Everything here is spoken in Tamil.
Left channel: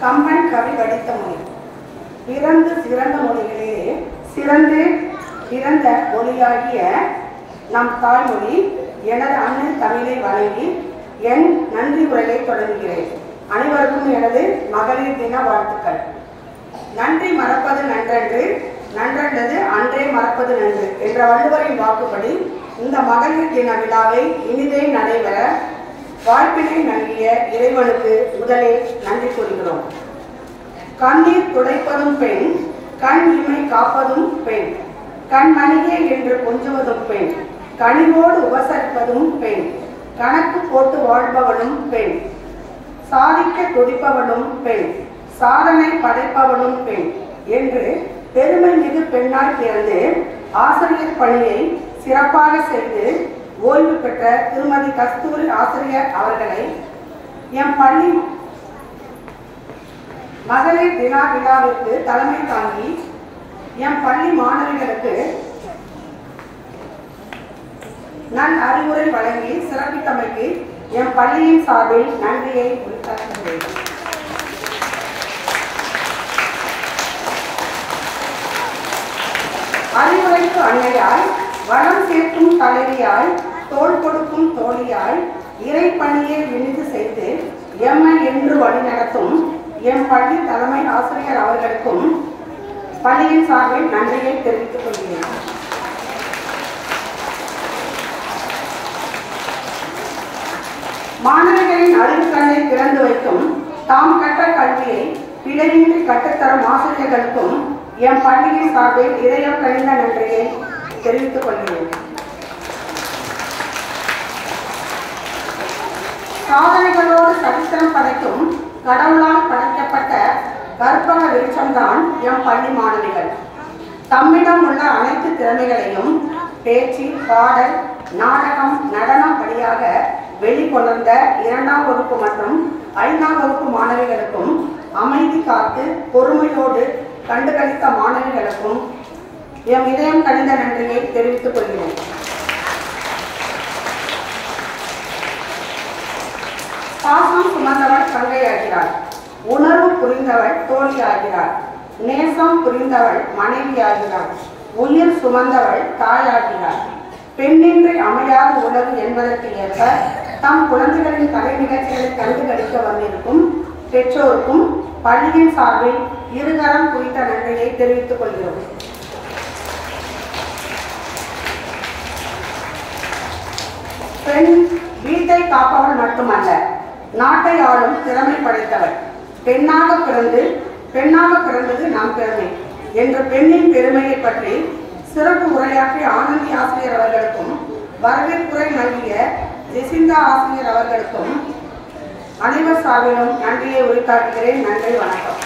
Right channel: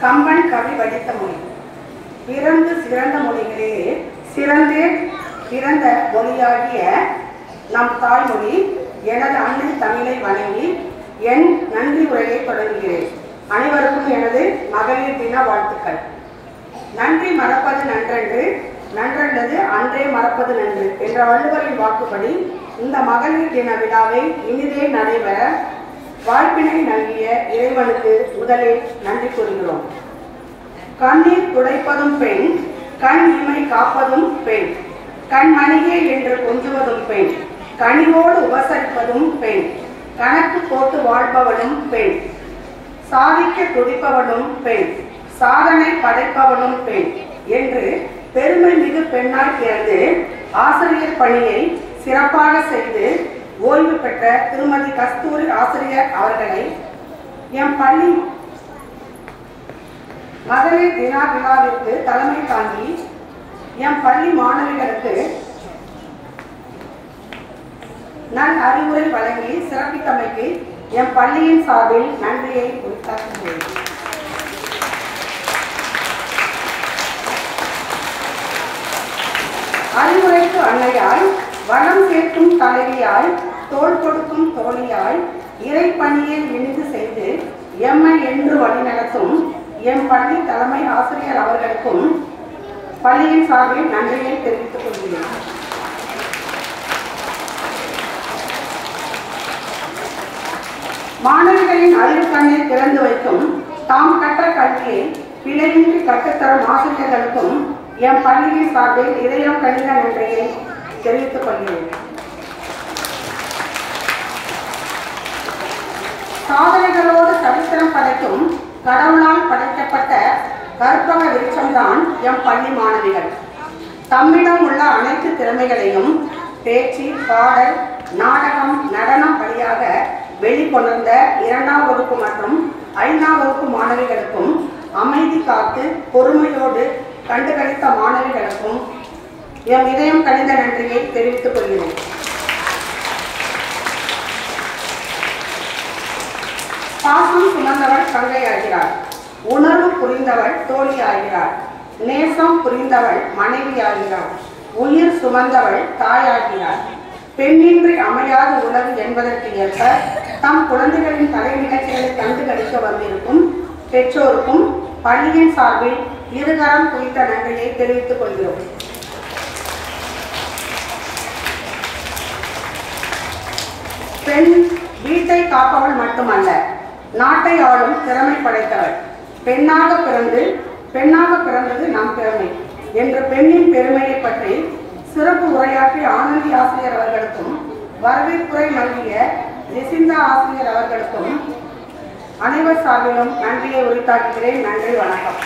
கம்பன் கவி வடித்த மொழி. பிறந்து சிறந்த மொழிகளிலே சிறந்தே பிறந்த மொழியாகிய நம் தாய்மொழி எனது அன்னை தமிழை வணங்கி என் நன்றி உரையை தொடங்குகிறேன். அனைவருக்கும் எனது மகளிர் தின வாழ்த்துக்கள். நன்றி மறப்பது நன்றன்று, நன்றல்லது அன்றே மறப்பது நன்று என்ற வள்ளுவரின் வாக்குப்படி இந்த மகளிர் தின விழாவை இனிதே நடைபெற வாய்ப்பினை நல்கிய இறைவனுக்கு முதலில் நன்றி கூறுகிறோம். கண்ணீர் துடைப்பதும் பெண், கண் இமை காப்பதும் பெண், கண்மணியே என்று கொஞ்சுவதும் பெண், கனிவோடு உபசரிப்பதும் பெண், கணக்கு போட்டு வாழ்பவளும் பெண், சாதிக்க துடிப்பவளும் பெண், சாதனை படைப்பவளும் பெண் என்று பெருமை மிகு பெண்ணாய் பிறந்து ஆசிரியர் பணியை சிறப்பாக செய்து ஓய்வு பெற்ற திருமதி கஸ்தூரி ஆசிரியர் அவர்களை எம் பள்ளி மகளிர் தின விழாவிற்கு தலைமை தாங்கி எம் பள்ளி மாணவிகளுக்கு நல் அறிவுரை வழங்கி சிறப்பித்தமைக்கு எம் பள்ளியின் சார்பில் நன்றியை உரித்தாக்குகிறேன். அறிவுரைக்கு அன்னையாய், வளம் சேர்க்கும் தலைவியாய், தோள் கொடுக்கும் தோழியாய், இறைப்பணியை இனிது செய்து எம்மை என்று வழிநடத்தும் எம் பள்ளி தலைமை ஆசிரியர் அவர்களுக்கும் பள்ளியின் சார்பில் நன்றியை தெரிவித்துக் கொள்கிறேன். மாணவர்களின் அறிவுக்கண்ணை திறந்து வைக்கும் தாம் கற்ற கல்வியை பிழையின்றி கற்றுத்தரும் ஆசிரியர்களுக்கும் எம் பள்ளியின் சார்பில் இதயம் கனிந்த நன்றியை தெரிவித்துக் கொள்கிறேன். சாதனைகளோடு சரித்திரம் படைக்கும் கடவுளால் படைக்கப்பட்ட கற்பக விருட்சம்தான் எம் பள்ளி மாணவிகள். தம்மிடம் உள்ள அனைத்து திறமைகளையும் பேச்சு, பாடல், நாடகம், நடனம் வழியாக வெளிக்கொணர்ந்த 2ஆம் வகுப்பு மற்றும் 5ஆம் வகுப்பு மாணவிகளுக்கும் அமைதி காத்து பொறுமையோடு கண்டுகளித்த மாணவிகளுக்கும் எம் இதயம் கனிந்த நன்றியை தெரிவித்துக் கொள்கிறோம். பாசம் சுமந்தவள் தங்கையாகிறாள், உணர்வு புரிந்தவள் தோழியாகிறாள், நேசம் புரிந்தவள் மனைவியாகிறாள், உயிர் சுமந்தவள் தாயாகிறாள். பெண்ணின்றி அமையாத உலகு என்பதற்கு ஏற்ப தம் குழந்தைகளின் கலை நிகழ்ச்சிகளை கண்டுகளிக்க வந்திருக்கும் பெற்றோருக்கும் பள்ளியின் சார்பில் இருகரம் குறித்த நன்றியை தெரிவித்துக் கொள்கிறோம். பெண் வீட்டை காப்பவள் மட்டுமல்ல, நாட்டை ஆளும் திறமை படைத்தவள். பெண்ணாக பிறந்தது நம் பெருமை என்ற பெண்ணின் பெருமையை பற்றி சிறப்பு உரையாற்றிய ஆனந்தி ஆசிரியர் அவர்களுக்கும் வரவேற்புரை நல்கிய ஜெசிந்தா ஆசிரியர் அவர்களுக்கும் அனைவர் சார்பிலும் நன்றியை உரித்தாக்குகிறேன். நன்றி, வணக்கம்.